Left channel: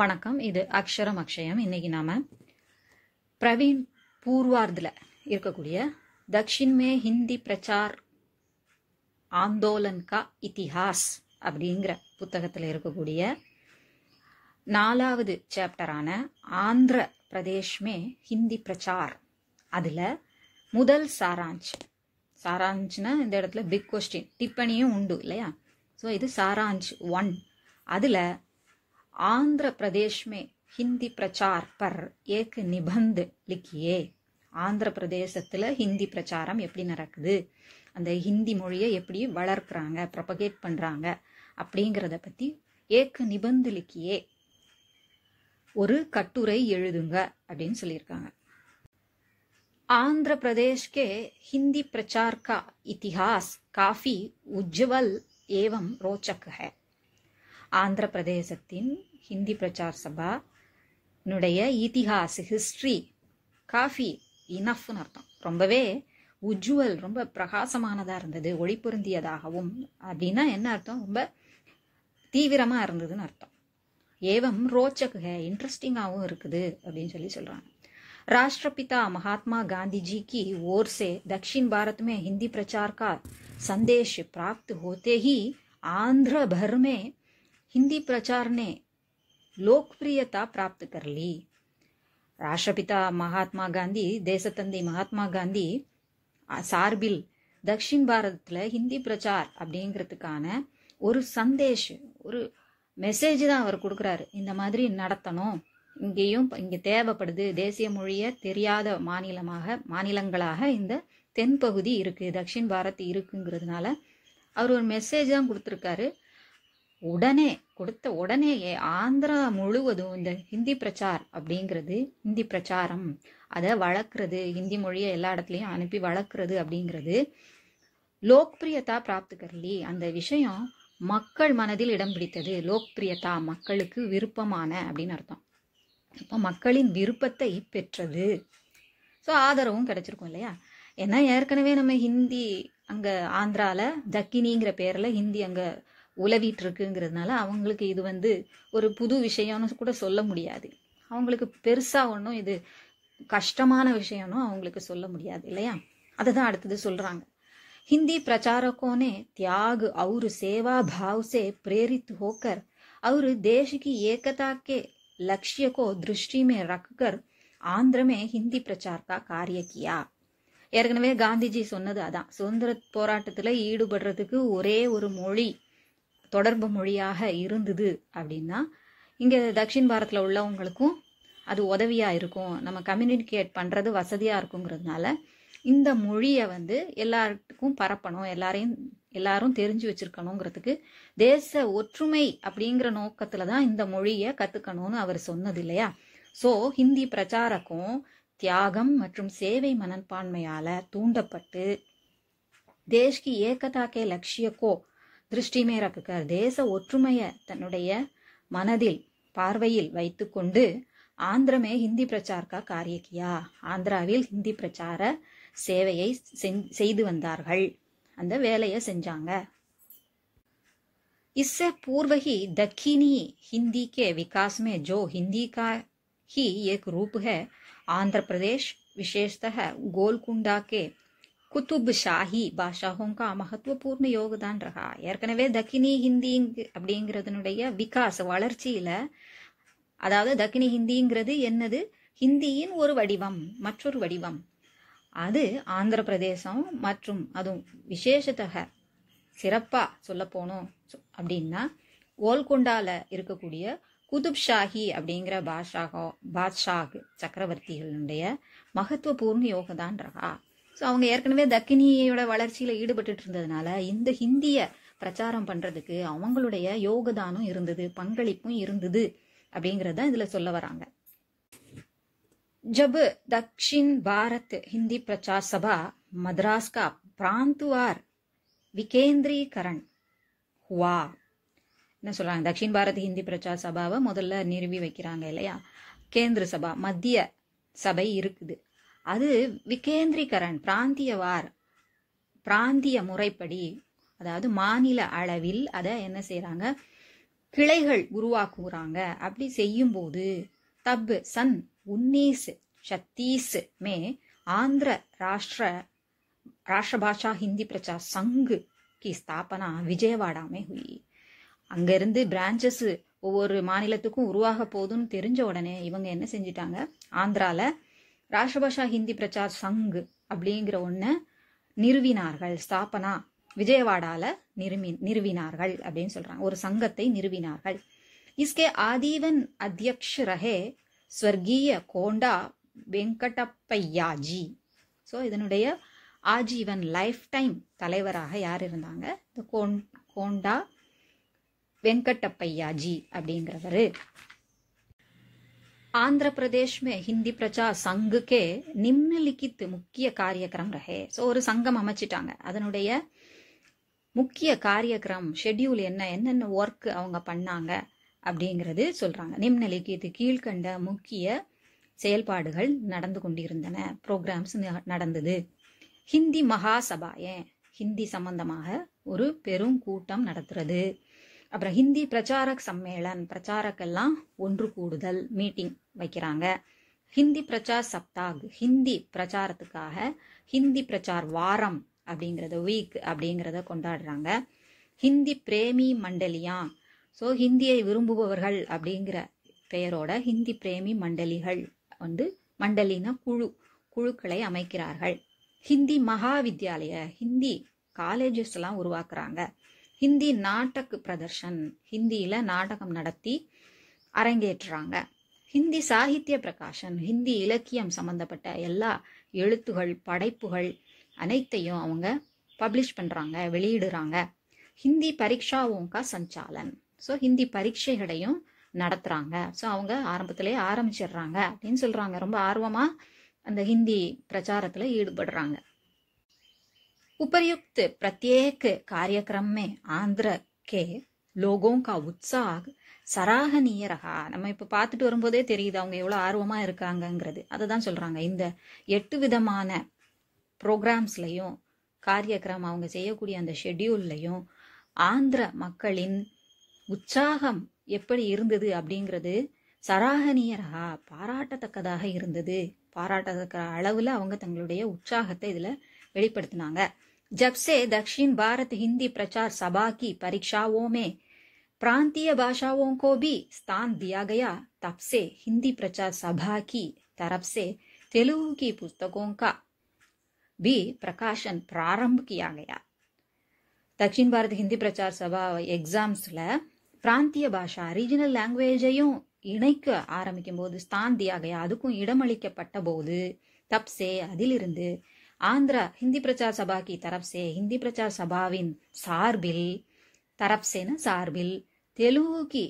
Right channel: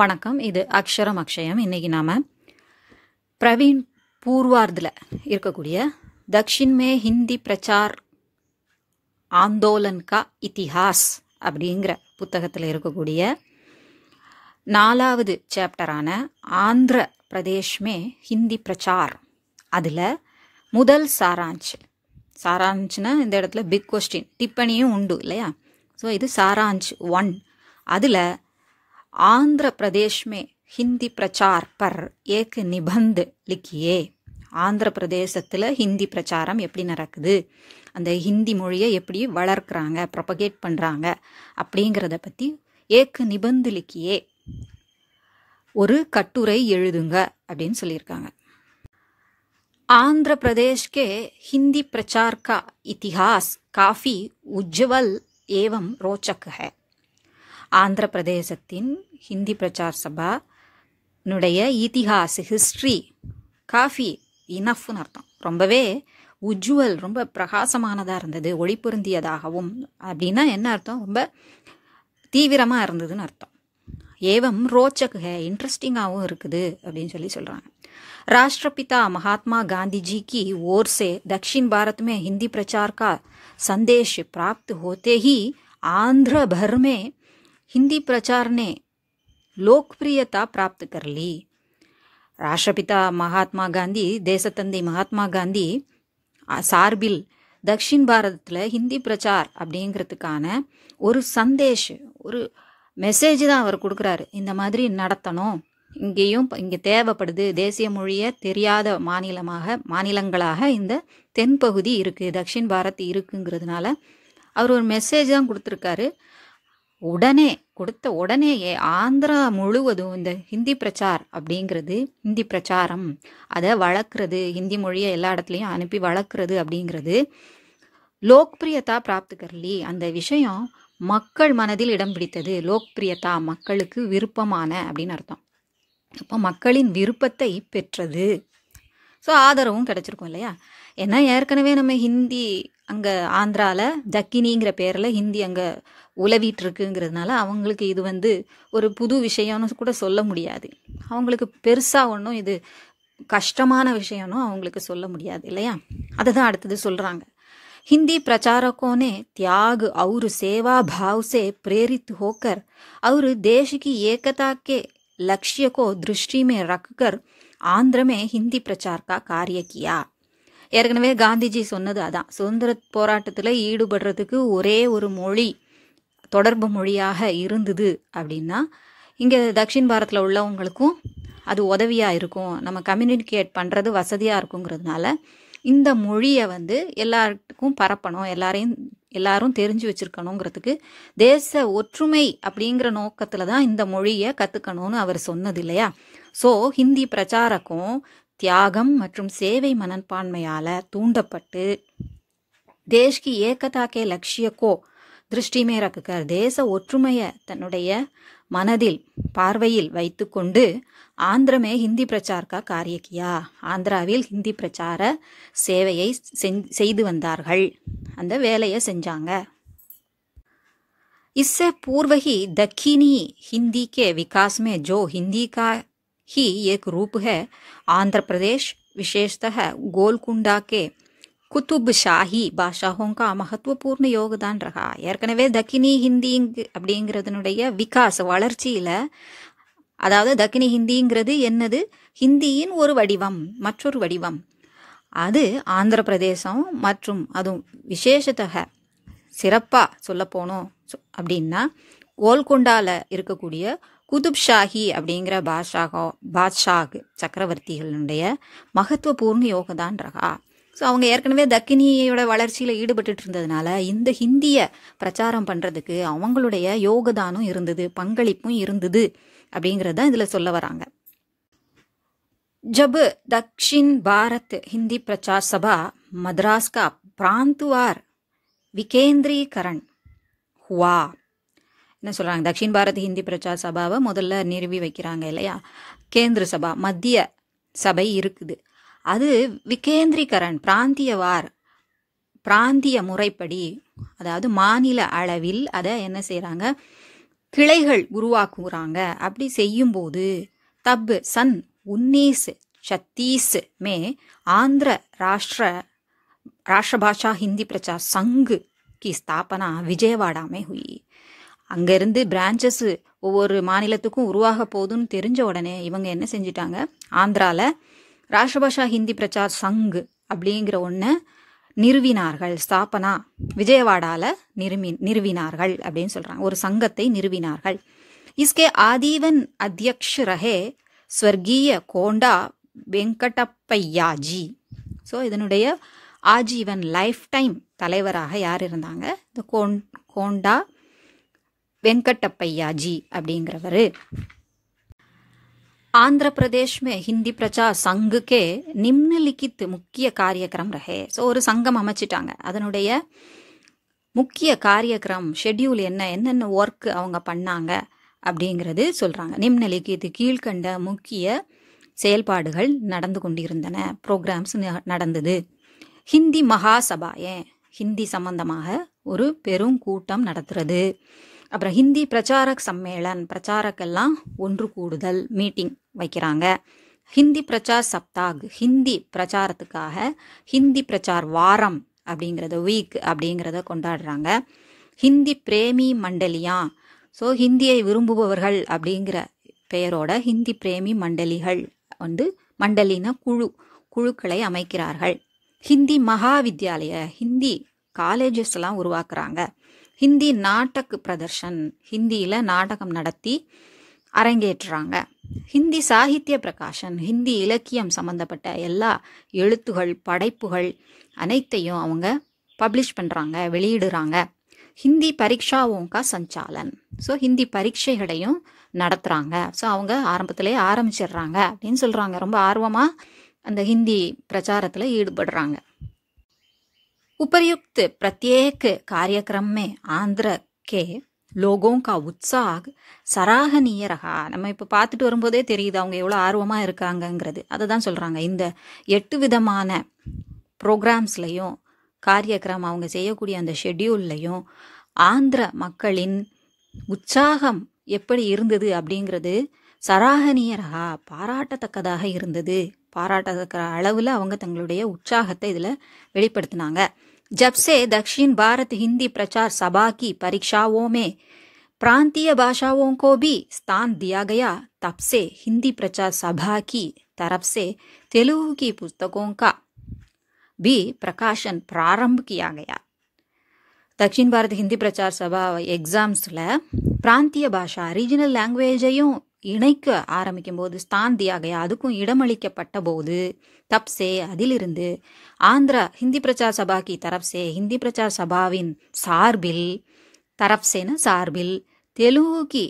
வணக்கம். இது அக்ஷரம் அக்ஷயம். இன்னைக்கு நாம பிரவீன் பூர்வார்தில் இருக்கக்கூடிய தக்ஷின் மே ஹிந்தி பிரச்சார் ஆந்தோலன் கா இதிஹாஸ் அப்படிங்கிற புத்தகத்தில் இருக்கக்கூடிய 4வது சாப்டரான ஆந்திர பிரதேஷ் மே ஹிந்தி பிரச்சார், அதில் முதல் சாராஞ்ச்னா இந்த இடத்துல பிக் கொஸ்டின் டிப்பணியும் உண்டு இல்லையா. ஸோ இது சாராஞ்ச் 1. அதில் आंध्र प्रदेश में हिंदी प्रचार पर एक निबंध लिखिए. ஆந்திர பிரதேசத்தில் ஹிந்தி பிரச்சாரம் எப்படி நடக்குது, அந்த ஹிந்தி மொழியை எப்படி வளர்க்குறாங்க, ப்ரொபகேட் பண்ணுறாங்க அப்படிங்கிறத பற்றி ஏக் நிபந்து லிக்கியே, ஒரு கட்டுரை எழுதுங்க அப்படின்னு சொல்லியிருக்காங்க. आंध्र प्रदेश के हिंदी प्रचार का इतिहास काफ़ी उज्जवल एवं रोचक है. ஆந்திர பிரதேசத்தின் ஹிந்தி பிரச்சார் சபா னுடைய இதிஹாஸ், ஹிஸ்ட்ரி, காஃபி இனஃப்னு அர்த்தம், ரொம்பவே உஜ்வல், ரொம்ப பிரகாசமானதாக இருந்தது, ஒளி பொருந்தியதாகவும். அப்படின்னா என்ன அர்த்தம்? ரொம்ப தீவிரமாக இருந்ததுன்னு அர்த்தம். ஏவம் ரோச்சக் ஹே, இன்ட்ரெஸ்டிங்காகவும் இருக்குது அப்படின்னு சொல்கிறாங்க. राष्ट्रपिता महात्मा गांधी जी की ओर से दक्षिण भारत में हिंदी प्रचार का संदेश प्राप्त होते ही आंध्र भर में हिंदी प्रचार ने लोकप्रियता प्राप्त कर ली. राष्ट्रपिता महात्मा गांधी, தேசத்தந்தை மகாத்மா காந்தி சார்பில் தக்ஷின் பாரதத்தில் ஹிந்தி பிரச்சார் அப்படிங்கிறதுக்கான ஒரு சந்தேஷ், ஒரு மெசேஜ் தான் அவர் கொடுக்குறாரு. இந்த மாதிரி நடத்தணும், இங்கே தேவைப்படுது, தேசிய மொழியை தெரியாத மாநிலங்களாக இந்த தென்பகுதி இருக்குது, தக்ஷின் பாரத் இருக்குங்கிறதுனால அவர் ஒரு மெசேஜ் தான் கொடுத்துருக்காரு. உடனேயே ஆந்திரா முழுவதும் இந்த ஹிந்தி பிரச்சார் அப்படிங்கிறது, ஹிந்தி பிரச்சாரம், அதை வளர்க்குறது, ஹிந்தி மொழியை எல்லா இடத்துலையும் அனுப்பி வளர்க்குறது அப்படிங்கிறது லோக்பிரியதா பிராப்து கர்லி, அந்த விஷயம் மக்கள் மனதில் இடம் பிடித்தது. லோக்பிரியதா, மக்களுக்கு விருப்பமான அப்படின்னு அர்த்தம். அப்போ மக்களின் விருப்பத்தை பெற்றது. ஸோ ஆதரவும் கிடைச்சிருக்கும் இல்லையா. ஏன்னா ஏற்கனவே நம்ம ஹிந்தி அங்கே ஆந்திராவில் தக்கினிங்கிற பேரில் ஹிந்தி அங்கே உலவிட்டு இருக்குங்கிறதுனால அவங்களுக்கு இது ஒரு புது விஷயம்னு கூட சொல்ல முடியாது. அவங்களுக்கு பெருசாக ஒன்றும் இது கஷ்டமான விஷயம்னு அவங்களுக்கு சொல்ல முடியாது இல்லையா. அதை தான் அடுத்தது சொல்கிறாங்க. हिंदी प्रचारकों ने त्याग और सेवा भाव से प्रेरित होकर और देश की एकता के लक्ष्य को दृष्टि में रखकर आंध्र में हिंदी प्रचार का कार्य किया. ஏற்கனவே காந்திஜி சொன்னது அதான், சுதந்திர போராட்டத்தில் ஈடுபடுறதுக்கு ஒரே ஒரு மொழி தொடர்பு மொழியாக இருந்தது அப்படின்னா இங்கே தக்ஷின் பாரத்தில் உள்ளவங்களுக்கும் அது உதவியாக இருக்கும், நம்ம கம்யூனிகேட் பண்ணுறது வசதியாக இருக்குங்கிறதுனால இந்த மொழியை எல்லாருக்கும் பரப்பணும், எல்லாரும் தெரிஞ்சு வச்சிருக்கணுங்கிறதுக்கு தேச ஒற்றுமை அப்படிங்கிற நோக்கத்தில் தான் இந்த மொழியை கற்றுக்கணும்னு அவர் சொன்னது இல்லையா. ஸோ ஹிந்தி பிரச்சாரக்கும் தியாகம் மற்றும் சேவை மனப்பான்மையால் தூண்டப்பட்டு தேஷ்கி ஏகதாக்கே லட்சியக்கோ திருஷ்டிமே ரக்குகர், தேச ஒற்றுமையை தன்னுடைய மனதில் பார்வையில் வைத்து கொண்டு ஆந்திரமே ஹிந்தி பிரச்சார்க்கா காரியக்கியா, ஆந்திராவில் ஹிந்தி பிரச்சார சேவையை செய்து வந்தார்கள், அந்த வேலையை செஞ்சாங்க. इससे पूर्व ही दक्षिणी हिंदी के विकास में जो हिंदी का ही एक रूप है, आंध्र प्रदेश विशेषतः गोलकुंडा के कुतुब शाही भाषाओं का महत्वपूर्ण योगदान रहा. ஏற்கனவே தக்கினி ஹிந்தி அப்படிங்கிறதுனுடைய விகாஸ், வளர்ச்சியில், அதாவது தக்கினி ஹிந்திங்கிறது என்னது, ஹிந்தியின் ஒரு வடிவம், மற்றொரு வடிவம். அது ஆந்திர பிரதேசம் மற்றும் அதுவும் விசேஷத்தக சிறப்பாக சொல்ல போனோம் அப்படின்னா கோல்கொண்டாவில் இருக்கக்கூடிய குதுப் ஷாஹி அப்படிங்கிற பாத்ஷாக் சக்கரவர்த்திகளுடைய மகத்துவபூர்ண யோகதான் ரகா. ஸோ அவங்க ஏற்கனவே தக்கினியோட வளர்ச்சியில் ஈடுபட்டு இருந்ததுனால இந்த ஹிந்தியை பிரச்சாரம் பண்ணுறதுக்கு அவங்களுடைய யோகதானம் இருந்தது, பங்களிப்பும் இருந்தது அப்படிங்கிறது தான் இதில் சொல்ல வராங்க. जब दक्षिण भारत हिंदी प्रचार सभा मद्रास का प्रांतवार विकेंद्रीकरण हुआ, என்ன சொல்கிறாங்க, தக்ஷின் பாரத் ஹிந்தி பிரச்சார் சபாவை முதல்ல நிறுவி வைக்கிறாங்க இல்லையா. கேந்திர சபா, மத்திய சபை இருக்குது, அது விகேந்திரீகரன், பிராந்திய முறைப்படி, அதாவது மாநில அளவில் அதை என்ன செய்கிறாங்க, கிளைகள் உருவாக்குறாங்க. அப்படி செய்யும்போது தப் சன் 1936 में आंध्र राष्ट्रभाषा हिंदी प्रचार संघ की स्थापना विजयवाड़ा में हुई. அங்கேருந்து பிரான்ச்சஸ் ஒவ்வொரு மாநிலத்துக்கும் உருவாக போகுதுன்னு தெரிஞ்ச உடனே இவங்க என்ன செஞ்சிட்டாங்க, ஆந்திராவில் ராஷ்டிரபாஷா ஹிந்தி பிரச்சார் சங் அப்படிங்கிற ஒன்று நிறுவினார்கள். ஸ்தாபனா விஜயவாடாவில் நிறுவினார்கள் அப்படின்னு சொல்கிறாங்க. ஒரு சங்கத்தை நிறுவினார்கள். इसके आजीवन अध्यक्ष रहे स्वर्गीय कोंडा वेंकटप्पैया जी. ஸோ இதனுடைய ஆஜீவன் லைஃப் டைம் தலைவராக யார் இருந்தாங்க, இந்த கோண்டா वेंकटप्पैया जी அப்படிங்கிறவர். आंध्र प्रदेश में हिंदी प्रचार संघ के निम्नलिखित मुख्य कार्यक्रम रहे. ஸோ ஒரு சங்கம் அமைச்சிட்டாங்க. அதனுடைய முக்கிய காரியக்கிரம் ஷெட்யூல் என்னென்ன ஒர்க் அவங்க பண்ணாங்க அப்படிங்கிறது சொல்கிறாங்க. நிம்னலிக்கித் கீழ்கண்ட முக்கிய செயல்பாடுகள் நடந்து கொண்டிருந்தன, ப்ரோக்ராம்ஸ் நடந்தது. ஹிந்தி மகாசபா, ஹிந்தி சம்பந்தமாக ஒரு பெரும் கூட்டம் நடத்துறது. அப்புறம் ஹிந்தி பிரச்சாரக் சம்மேளன், பிரச்சாரக்கெல்லாம் ஒன்று கூடுதல், மீட்டிங் வைக்கிறாங்க. ஹிந்தி பிரச்சார் சப்தாக், ஹிந்தி பிரச்சாரத்துக்காக ஹிந்தி பிரச்சார் வாரம் அப்படிங்கிறத, வீக் அப்படிங்கிறத கொண்டாடுறாங்க. ஹிந்தி பிரேமி மண்டலியா, ஸோ ஹிந்தியை விரும்புபவர்கள் அப்படிங்கிற பெயரோட ஹிந்தி பிரேமி மண்டலிகள் மண்டலின குழுக்களை அமைக்கிறார்கள். ஹிந்தி மகாவித்யாலய, ஹிந்தி காலேஜஸ் எல்லாம் உருவாக்குறாங்க. ஹிந்தி நாடக் பிரதர்ஷன், ஹிந்தியில் நாடகம் நடத்தி அரங்கேற்றுறாங்க. ஹிந்தி சாகித்ய பிரகாஷன், ஹிந்தி இலக்கியம் சம்பந்தப்பட்ட எல்லா எழுத்துகள் படைப்புகள் அனைத்தையும் அவங்க பப்ளிஷ் பண்ணுறாங்க, வெளியிடுறாங்க. ஹிந்தி பரீட்சாவோங்கா சஞ்சாலன், ஸோ ஹிந்தி பரீட்சைகளையும் நடத்துகிறாங்க. ஸோ அவங்க ஆரம்பத்திலே ஆரம்பிச்சிடுறாங்க அப்படின்னு சொல்கிறாங்க. ரொம்ப ஆர்வமாக அந்த ஹிந்தி பிரச்சாரத்தில் ஈடுபடுறாங்க. उपर्युक्त प्रत्येक कार्यक्रम में आंध्र के लोगों का उत्साह सराहनीय रहा. நம்ம இப்போ பார்த்துட்டு வரும்போதே தெரியுது அவங்க எவ்வளோ ஆர்வமாக இருக்காங்கங்கிறது. அதை தான் சொல்கிறாங்க. இந்த 8 விதமான ப்ரோக்ராம்ஸ்லையும் காரியக்கிரம் அவங்க செய்யக்கூடிய அந்த ஷெட்யூல்லையும் ஆந்திர மக்களின் உற்சாகம் எப்படி இருந்தது அப்படிங்கிறது சராகனியரகா, பாராட்டத்தக்கதாக இருந்தது. பாராட்டத்தக்க அளவில் அவங்க தங்களுடைய உற்சாகத்தை இதில் வெளிப்படுத்தினாங்க. जब से दक्षिण भारत हिंदी प्रचार सभा की परीक्षाओं में प्रांतीय भाषाओं को भी स्थान दिया गया, तब से हिंदी प्रचार सभा की तरफ से तेलुगु की पुस्तकों का भी प्रकाशन प्रारंभ किया गया. दक्षिण भारत हिंदी प्रचार सभा एग्जाम्ஸில் பிராந்திய பாஷா ரீஜனல் லாங்குவேஜையும் இணைக்க ஆரம்பிக்கும் போது ஸ்தான் தியா கயா, அதுக்கும் இடமளிக்கப்பட்ட போது தப்சே அதிலிருந்து ஆந்திரா ஹிந்தி பிரச்சார் சபா கி தரப்சே, ஹிந்தி பிரச்சார் சபாவின் சார்பில், தரப்சேன சார்பில் தெலுங்கு கி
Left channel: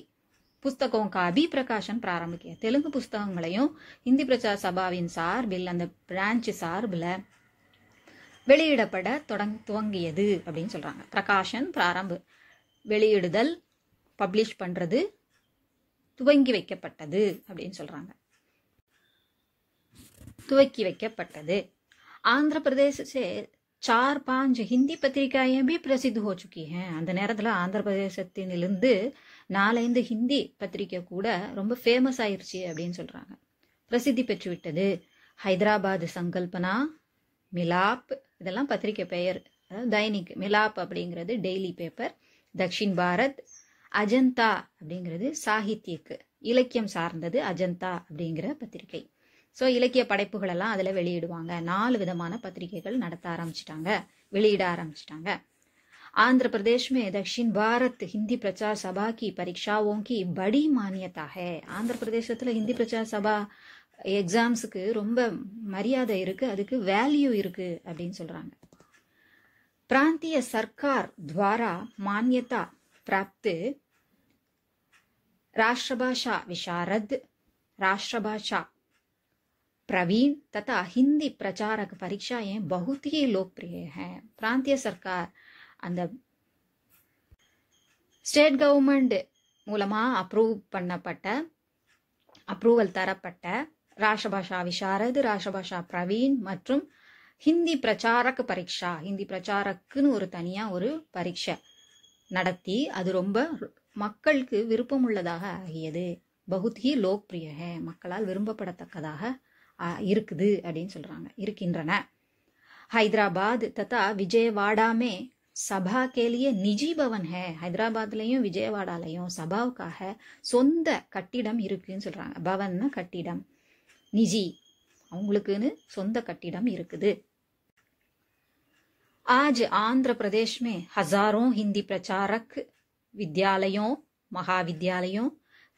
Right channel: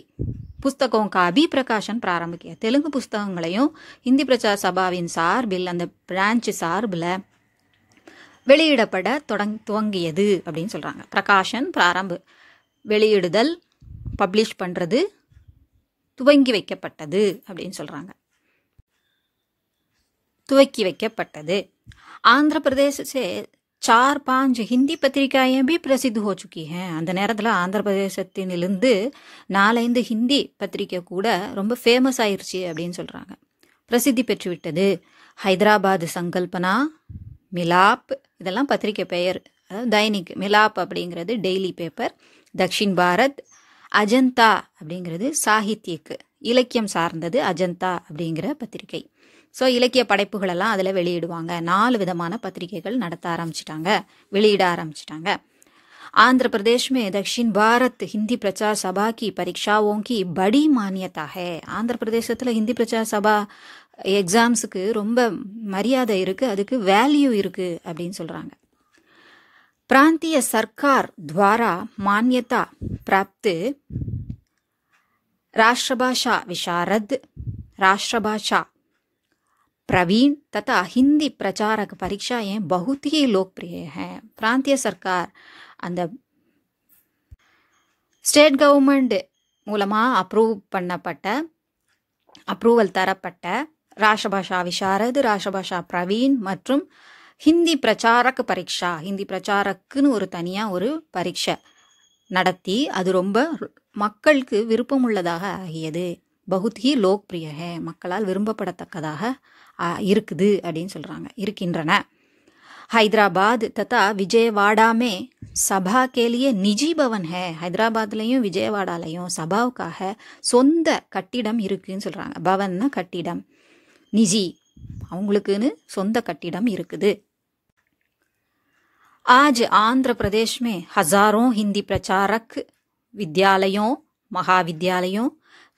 புஸ்தகம் கா பி பிரகாஷன் பிராரம்பிக்க, தெலுங்கு புஸ்தகங்களையும் ஹிந்தி பிரச்சார் சபாவின் சார்பில், அந்த பிரான்ச் சார்பில் வெளியிடப்பட துவங்கியது அப்படின்னு சொல்கிறாங்க. பிரகாஷன் பிராரம்பு, வெளியிடுதல், பப்ளிஷ் பண்ணுறது, துவங்கி வைக்கப்பட்டது அப்படின்னு சொல்கிறாங்க. துவக்கி வைக்கப்பட்டது. आंध्र प्रदेश से 4-5 हिंदी पत्रिकाएं भी प्रसिद्ध हो चुकी हैं. அந்த நேரத்தில் ஆந்திர பிரதேசத்திலிருந்து 4-5 ஹிந்தி பத்திரிக்கை கூட ரொம்ப ஃபேமஸ் ஆயிடுச்சு அப்படின்னு சொல்கிறாங்க, பிரசித்தி பெற்றுவிட்டது. ஹைதராபாத் சங்கல்பனா, மிலாப், இதெல்லாம் பத்திரிக்கை பெயர். அதாவது தைனிக், மிலாப் அப்படிங்கிறது டெய்லி பேப்பர். தக்ஷின் பாரத், அஜந்தா அப்படிங்கிறது சாகித்யக்கு, இலக்கியம் சார்ந்தது அஜந்தா அப்படிங்கிற பத்திரிகை. ஸோ இலக்கிய படைப்புகளெல்லாம் அதில் வெளியிடுவாங்க. 4 விதமான பத்திரிகைகள் நடத்த ஆரம்பிச்சிட்டாங்க, வெளியிட ஆரம்பிச்சிட்டாங்க. आंध्र प्रदेश में दक्षिण भारत हिंदी प्रचार सभा की परीक्षाओं की बड़ी मान्यता है. ஆந்திர பிரதேசத்தில் ஹிந்தி பிரச்சார் சபா எக்ஸாம்ஸுக்கு ரொம்ப மரியாதை இருக்குது, அதுக்கு வேல்யூ இருக்குது அப்படின்னு சொல்கிறாங்க. प्रांतीय सरकार द्वारा मान्यता प्राप्त राष्ट्रभाषा विशारद, राष्ट्रभाषा प्रवीण तथा हिंदी प्रचारक परीक्षाएं बहुत ही लोकप्रिय हैं. प्रांतीय सरकार அந்த ஸ்டேட் கவர்மெண்ட் மூலமாக அப்ரூவல் தரப்பட்ட ராஷ்டிரபாஷா விசாரத், ராஷ்டிரபாஷா பிரவீன் மற்றும் ஹிந்தி பிரச்சாரக் பரீட்சா, ஹிந்தி பிரச்சாரக்குன்னு ஒரு தனியாக ஒரு பரீட்சை நடத்தி அது ரொம்ப மக்களுக்கு விருப்பமுள்ளதாக ஆகியது. பகுத் ஹி லோக்பிரிய ஹே, மக்களால் விரும்பப்படத்தக்கதாக இருக்குது அப்படின்னு சொல்கிறாங்க, இருக்கின்றன. ஹைதராபாத் ததா விஜயவாடா மே சபா के लिए நிஜி பவன் है. ஹைதராபாத்லையும் விஜயவாடாலையும் சபாவுக்காக சொந்த கட்டிடம் இருக்குன்னு சொல்கிறாங்க. பவன்னா கட்டிடம், நிஜி அவங்களுக்குன்னு சொந்த கட்டிடம் இருக்குது. आज आंध्र प्रदेश में हजारों हिंदी प्रचारक विद्यालयों, महाविद्यालयों,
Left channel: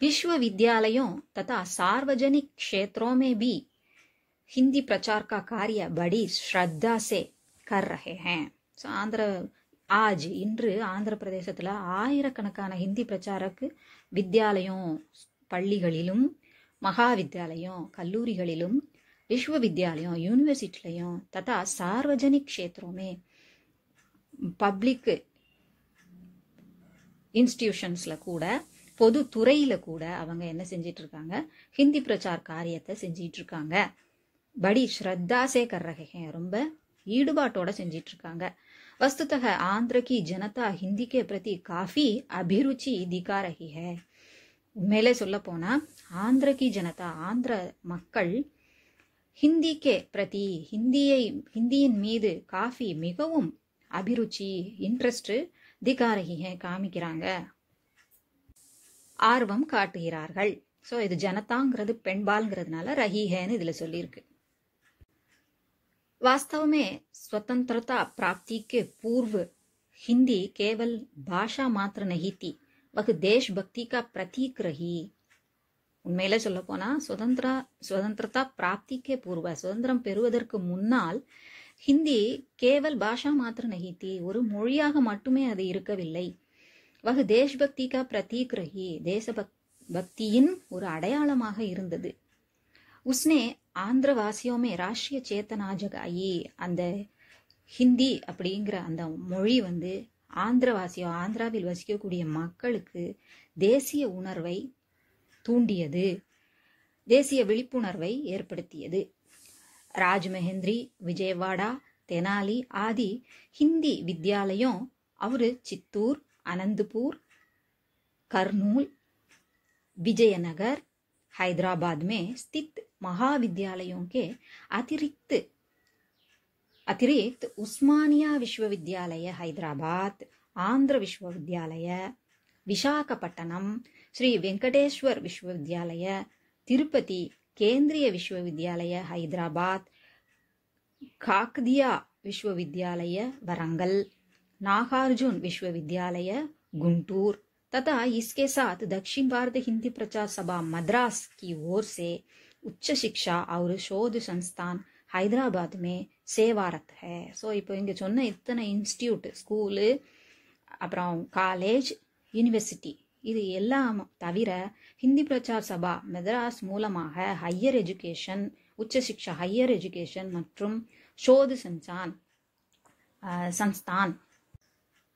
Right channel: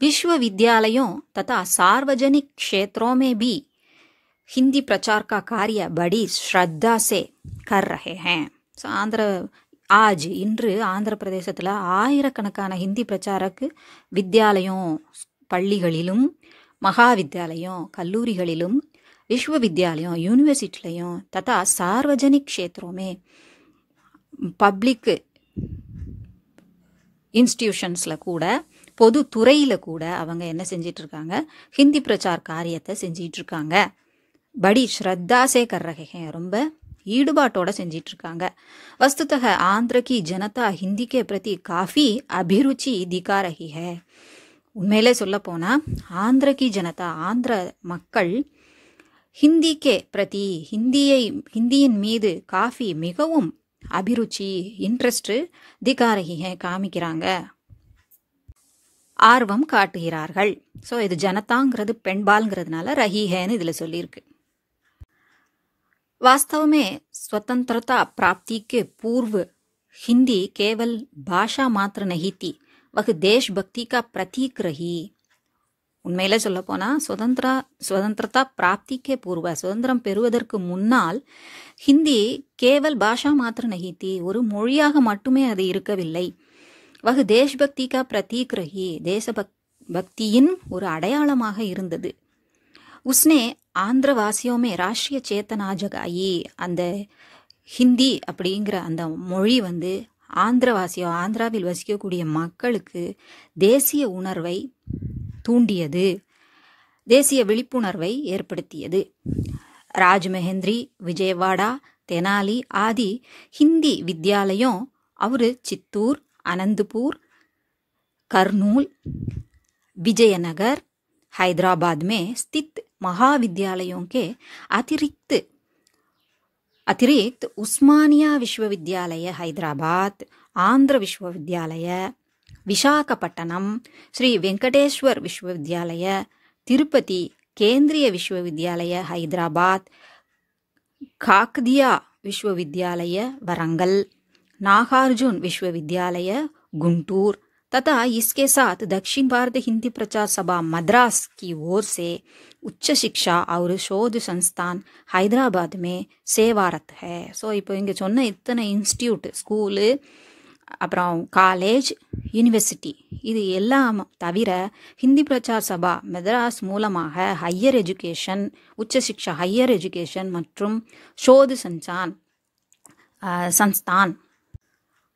विश्वविद्यालयों तथा सार्वजनिक क्षेत्रों में भी हिंदी प्रचार का कार्य बड़ी श्रद्धा से कर रहे हैं. आज இன்று ஆந்திர பிரதேசத்தில் ஆயிரக்கணக்கான ஹிந்தி பிரச்சாரக்கு வித்யாலயம் பள்ளிகளிலும், மகாவித்யாலயம் கல்லூரிகளிலும், விஸ்வவித்யாலயம் யூனிவர்சிட்டிலையும், ததா சார்வஜனிக் க்ஷேத்ரோமே பப்ளிக் இன்ஸ்டிடியூஷன்ஸில் கூட, பொது துறையில் கூட அவங்க என்ன செஞ்சிட்ருக்காங்க, ஹிந்தி பிரச்சார் காரியத்தை செஞ்சிட்ருக்காங்க. படி ஸ்ரத்தா சே கர் ரஹே ஹே, ரொம்ப ஈடுபாட்டோட செஞ்சிட்ருக்காங்க. वस्तुतः आंध्र की जनता हिंदी के प्रति काफ़ी अभिरुचि दिखा रही है. உண்மையிலே சொல்ல போனால் ஆந்திர கி ஜனதா, ஆந்திர மக்கள் ஹிந்தி கே பிரதி, ஹிந்தியின் மீது காஃபி மிகவும் அபிருச்சி, இன்ட்ரெஸ்ட் திகா ரஹி ஹே, காமிக்கிறாங்க, ஆர்வம் காட்டுகிறார்கள். ஸோ இது ஜனதாங்கிறது பெண்பால்ங்கிறதுனால ரஹி ஹேன்னு இதில் சொல்லியிருக்கு. वास्तव में स्वतंत्रता प्राप्ति के पूर्व हिंदी केवल भाषा मात्र नहीं थी, वह देशभक्ति का प्रतीक रही. உண்மையில சொல்ல போனால் சுதந்திரதா பிராப்திக்கே பூர்வ, சுதந்திரம் பெறுவதற்கு முன்னால் ஹிந்தி கேவல் பாஷா மாத்திர நஹித்தி, ஒரு மொழியாக மட்டுமே அது இருக்கவில்லை. வகு தேஷ்பக்தி கா பிரதீக் ரஹி, தேசபக்தியின் ஒரு அடையாளமாக இருந்தது. உஸ்னே ஆந்திரவாசியோ மே ராஷ்ட்ரிய சேத்தனா ஜகாயி, அந்த ஹிந்தி அப்படிங்கிற அந்த மொழி வந்து ஆந்திராவில் வசிக்கக்கூடிய மக்களுக்கு தேசிய உணர்வை தூண்டியது, தேசிய விழிப்புணர்வை ஏற்படுத்தியது. ராஜ்மஹேந்திரி, விஜயவாடா, தெனாலி ஆதி ஹிந்தி வித்யாலயம் और चित्तूर, अनंतपुर, करनूल, विजयनगर, हैदराबाद में स्थित महाविद्यालयों के अतिरिक्त उस्मानिया विश्वविद्यालय हैदराबाद, आंध्र विश्वविद्यालय विशाखापट्टनम, श्री वेंकटेश्वर विश्वविद्यालय तिरुपति, केंद्रीय विश्वविद्यालय हैदराबाद, काकदिया विश्वविद्यालय वरंगल, नागार्जुन विश्वविद्यालय गुंटूर तथा इसके साथ दक्षिण भारत हिंदी प्रचार सभा मद्रास की ओर से उच्च शिक्षा और शोध संस्थान हैदराबाद में सेवारत है. ஸோ இப்போ இங்கே சொன்ன இத்தனை இன்ஸ்டியூட், ஸ்கூலு, அப்புறம் காலேஜ், யூனிவர்சிட்டி, இது எல்லாம் தவிர ஹிந்தி பிரச்சார் சபா மெட்ராஸ் மூலமாக ஹையர் எஜுகேஷன், உச்ச சிக்ஷா ஹையர் எஜுகேஷன் மற்றும் ஷோது சன்ஸ்தான்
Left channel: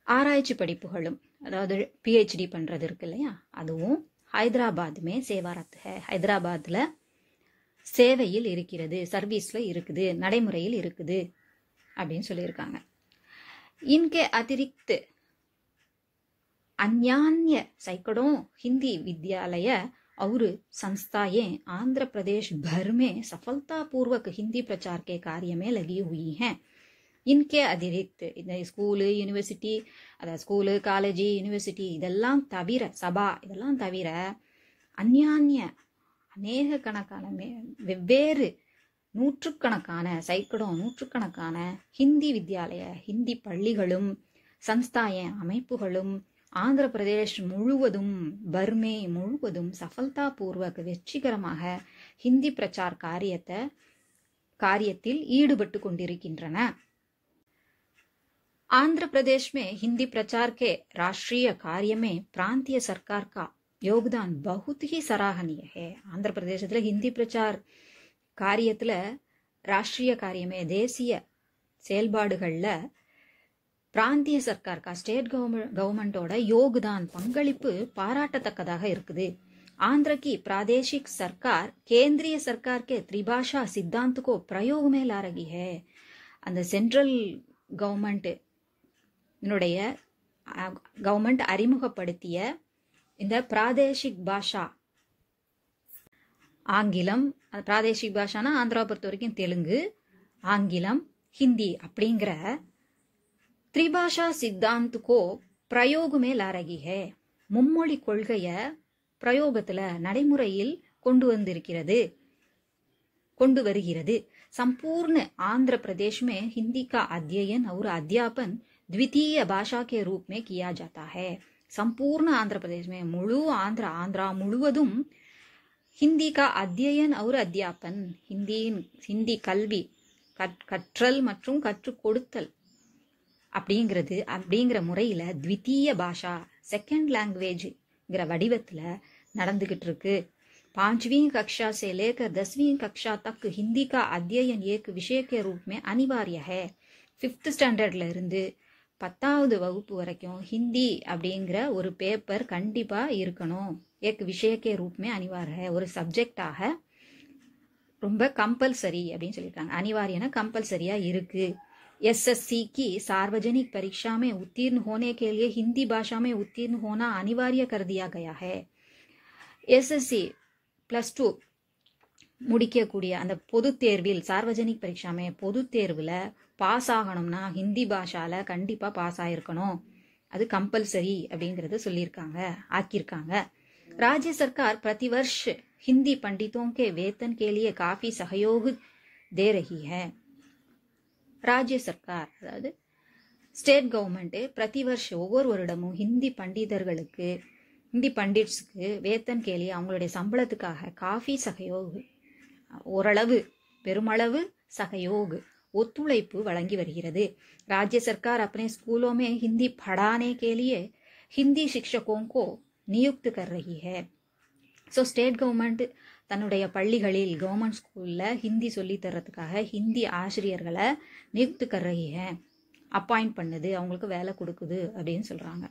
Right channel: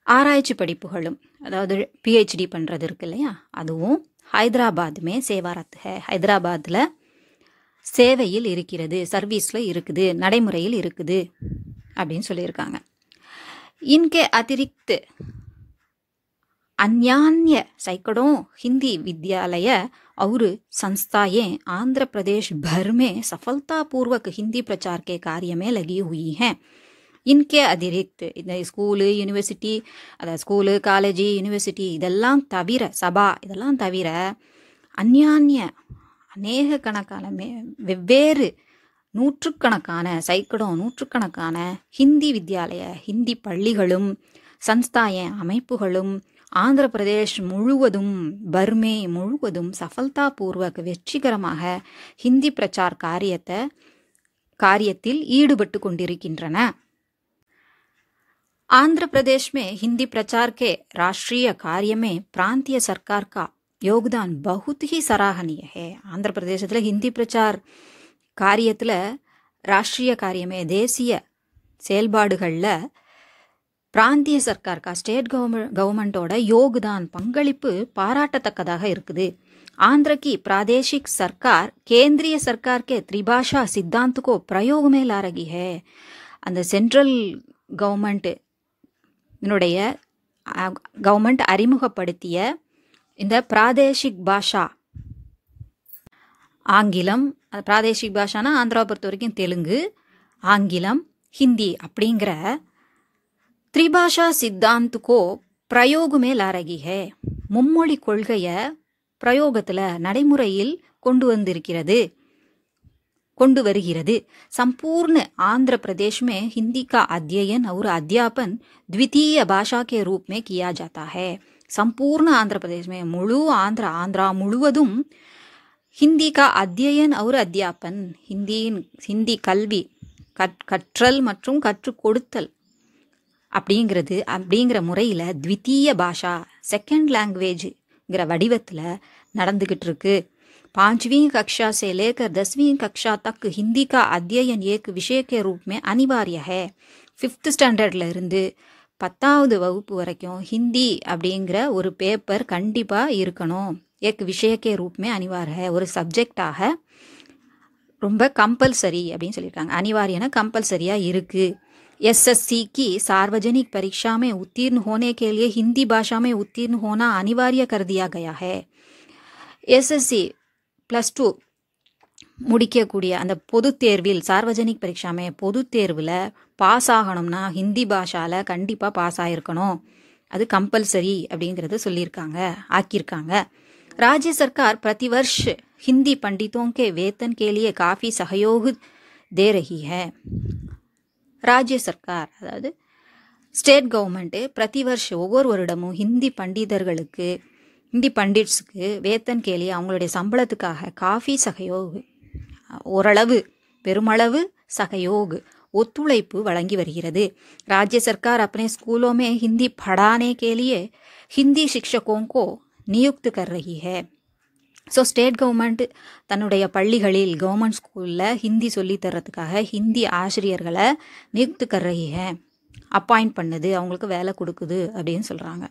ஆராய்ச்சி படிப்புகளும், அதாவது பிஹெச்டி பண்ணுறது இருக்கு இல்லையா, அதுவும் ஹைதராபாத்துமே சேவாரத் ஹே, ஹைதராபாத்தில் சேவையில் இருக்கிறது, சர்வீஸில் இருக்குது, நடைமுறையில் இருக்குது அப்படின்னு சொல்லியிருக்காங்க. इनके अतिरिक्त अन्यान्य सैकड़ों हिंदी विद्यालय और संस्थाएं आंध्र प्रदेश भर में सफलतापूर्वक हिंदी प्रचार के कार्य में लगी हुई हैं. इनके अतिरिक्त இந்த ஸ்கூலு, யூனிவர்சிட்டி, அதாவது ஸ்கூலு, காலேஜு, யூனிவர்சிட்டி இதெல்லாம் தவிர, சபா இதெல்லாம் தவிர அந்யான்ய அநேக கணக்கான வெவ்வேறு நூற்றுக்கணக்கான நூற்றுக்கணக்கான ஹிந்தி வித்யாலய, ஹிந்தி பள்ளிகளும், சன்ஸ்தாய அமைப்புகளும் ஆந்திர பிரதேஷ் முழுவதும், பர்மே முழுவதும் சஃபல்தாபூர்வக் வெற்றிகரமாக ஹிந்தி பிரச்சார் காரியத்தில் ஈடுபட்டு கொண்டிருக்கின்றன. आंध्र प्रदेश में हिंदी प्रचार के राष्ट्रीय कार्य में प्रांतीय सरकार का योगदान बहुत ही सराहनीय है. आंध्र प्रदेशத்தில் हिंदी प्रचार காரியத்தில், ராஷ்ட்ரிய காரியமே தேசிய செயல்பாடுகளில் பிராந்திய சர்க்கார்க்கா, ஸ்டேட் கவர்மெண்ட்டோட யோகுதான் பங்களிப்பு பாராட்டத்தக்கதாக இருக்குது. आंध्र की प्रादेशिक सरकार केंद्रीय सरकार के त्रिभाषा सिद्धांत को प्रयोग में ला रही है. அந்த சென்ட்ரல் கவர்மெண்ட் கவர்மெண்ட் அறிமுகப்படுத்திய இந்த பிராதேஷிக் பாஷா, ஆங்கிலம், பிராதேஷிக் பாஷானா ஆந்திராவை பொறுத்த வரைக்கும் தெலுங்கு, ஆங்கிலம், ஹிந்தி அப்படிங்கிற திரிபாஷா சித்தாந்துக்கோ பிரயோக में ला रही है, மும்மொழி கொள்கையை பிரயோகத்தில் நடைமுறையில் கொண்டு வருகிறது. संपूर्ण आंध्र प्रदेश में हिंदी का अध्ययन और अध्यापन द्वितीय भाषा के रूप में किया जाता है. संपूर्ण आंध्र प्रदेश में आंध्रा முழுவதும் हिंदी का अध्ययन और अध्यापन, हिंदी கல்வி கற்றல் மற்றும் கற்றுக் கொடுத்தல் அப்படிங்கிற முறையில் द्वितीय भाषा செகண்ட் லாங்குவேஜ்ங்கிற வடிவத்தில் நடந்துகிட்டு இருக்கு. 5वीं कक्षा से लेकर 10वीं कक्षा तक हिंदी का अध्ययन एक विषय के रूप में अनिवार्य है. 5th ஸ்டாண்டர்ட்ல இருந்து 10வது வகுப்பு வரைக்கும் ஹிந்தி அப்படிங்கிற ஒரு பேப்பர் கண்டிப்பாக இருக்கணும். एक विषय के रूप में अनिवार्य है, ஒரு சப்ஜெக்டாக ரொம்ப கம்பல்சரி அப்படின்னு சொல்லியிருக்காங்க. अनिवार्यना கம்பல்சரியாக இருக்குது. एसएससी की सार्वजनिक परीक्षा में उत्तीर्ण होने के लिए हिंदी भाषा में उत्तीर्ण होना अनिवार्य कर दिया गया है. एसएससी +2 முடிக்கக்கூடிய அந்த பொது தேர்வில், சார்வஜனிக் பரீட்சாமே பொது தேர்வில் பாஸ் ஆகணும்னா ஹிந்தி பாஷாவில் கண்டிப்பாக பாஸ் ஆகிருக்கணும். அது கம்பல்சரி அப்படிங்கிறது ஆக்கியிருக்காங்க. राज्य सरकार प्रतिवर्ष हिंदी पंडितों के वेतन के लिए काफ़ी सहयोग दे रही है. राज्य सरकार அதாவது ஸ்டேட் கவர்மெண்ட்டு பிரதி வருஷம் ஒவ்வொரு வருடமும் ஹிந்தி பண்டிட்ஸுக்கு வேத்தன் கேலி அவங்களுடைய சம்பளத்துக்காக காஃபி சகயோக், ஓரளவு பெருமளவு சகயோக் ஒத்துழைப்பு வழங்கி வருகிறது. राज्य सरकार अपने स्कूलों में हिंदी पढ़ाने के लिए हिंदी शिक्षकों को नियुक्त कर रही है. ஸோ ஸ்டேட் கவர்மெண்ட் தன்னுடைய பள்ளிகளில் கவர்மெண்ட் ஸ்கூலில் ஹிந்தி சொல்லித்தரத்துக்காக ஹிந்தி ஆசிரியர்களை நியுக்த் கர் ரஹி ஹை, அப்பாயிண்ட் பண்ணுது, அவங்களுக்கு வேலை கொடுக்குது அப்படின்னு சொல்கிறாங்க.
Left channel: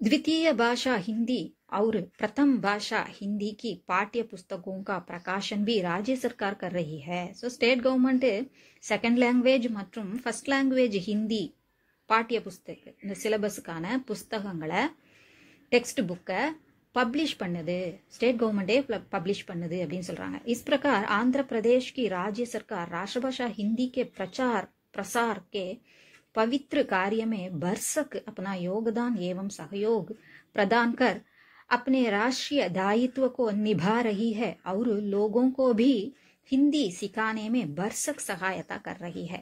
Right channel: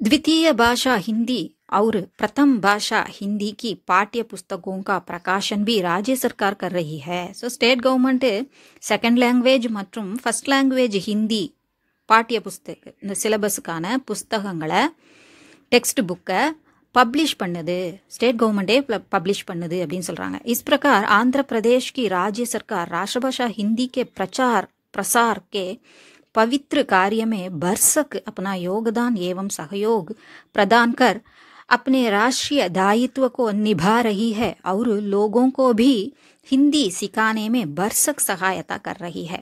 द्वितीय भाषा हिंदी और प्रथम भाषा हिंदी की पाठ्य पुस्तकों का प्रकाशन भी राज्य सरकार कर रही है. So state government second language மற்றும் ஃபர்ஸ்ட் லாங்குவேஜ் ஹிந்தி பாட்டிய புஸ்தக, இந்த சிலபஸுக்கான புஸ்தகங்களை, டெக்ஸ்ட் புக்கை पब्लिश பண்ணுது, स्टेट गवर्नमेंटे पब्लिश பண்ணுது அப்படின்னு சொல்கிறாங்க. इस प्रकार आंध्र प्रदेश की राज्य सरकार राष्ट्रभाषा हिंदी के प्रसार के पवित्र कार्य में भरसक अपना योगदान एवं सहयोग प्रदान कर अपने राष्ट्रीय दायित्व को निभा रही है और लोगों को भी हिंदी सिखाने में भरसक सहायता कर रही है.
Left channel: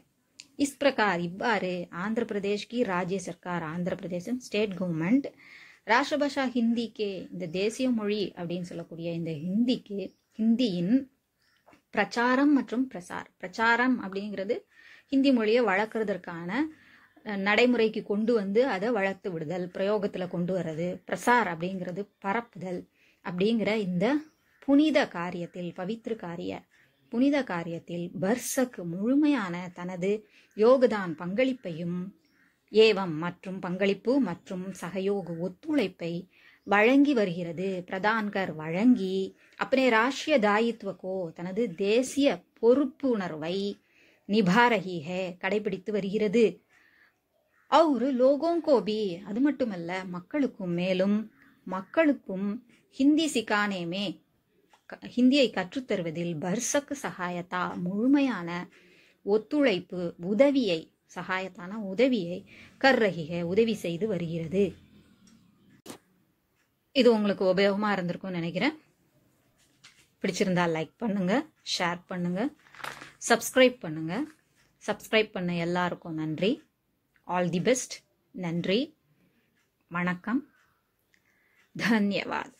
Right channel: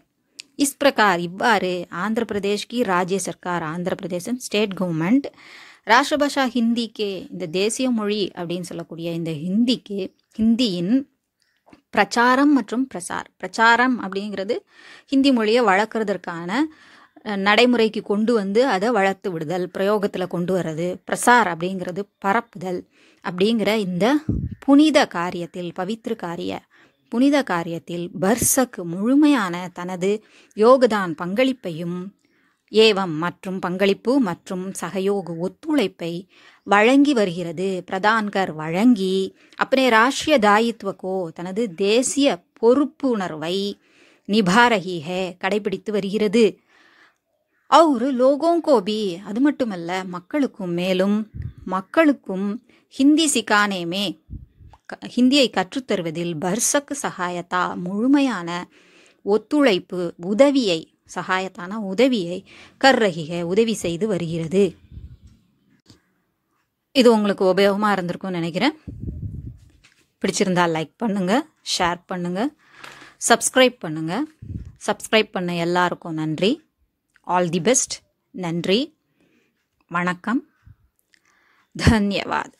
इस प्रकार इव्वाறு आंध्र प्रदेश की राज्य सरकार, आंध्र प्रदेश स्टेट गवर्नमेंट ராஷ்டிரபாஷா ஹிந்திக்கு, இந்த தேசிய மொழி அப்படின்னு சொல்லக்கூடிய இந்த ஹிந்தியின் பிரச்சாரம் மற்றும் பிரச்சாரம் அப்படிங்கிறது ஹிந்தி மொழியை வளர்க்குறதற்கான நடைமுறைக்கு கொண்டு வந்து அதை வளர்த்து விடுதல், பிரயோகத்தில் கொண்டு வர்றது. பிரசார் அப்படிங்கிறது பரப்புதல். அப்படிங்கிற இந்த புனித காரியத்தில் பர்சக் முழுமையான தனது யோகதான் பங்களிப்பையும் ஏவம் மற்றும் பங்களிப்பு மற்றும் சகயோக ஒத்துழைப்பை வழங்கி வருகிறது. பிரதான்கர் வழங்கி अपने राष्ट्रीय दायित्व को தனது தேசிய பொறுப்புணர்வை நிபா ரஹி ஹை கடைபிடித்து வருகிறது. और लोगों को भी, அது மட்டுமல்ல மக்களுக்கும் ஹிந்தி சிக்கானே மே, ஹிந்தியை கற்றுத்தருவதில் பர்சக் சகாயத்தா முழுமையான ஒத்துழைப்பு, உதவியை, சகாயத்தான உதவியை கர் ரஹி ஹை உதவி செய்து வருகிறது. இது உங்களுக்கு உபயோகமாக இருந்திருக்கும்னு நினைக்கிறேன். பிடிச்சிருந்தால் லைக் பண்ணுங்கள், ஷேர் பண்ணுங்கள், சப்ஸ்கிரைப் பண்ணுங்கள். சப்ஸ்கிரைப் பண்ண எல்லாருக்கும் நன்றி. All the best. நன்றி, வணக்கம், தன்யவாத்.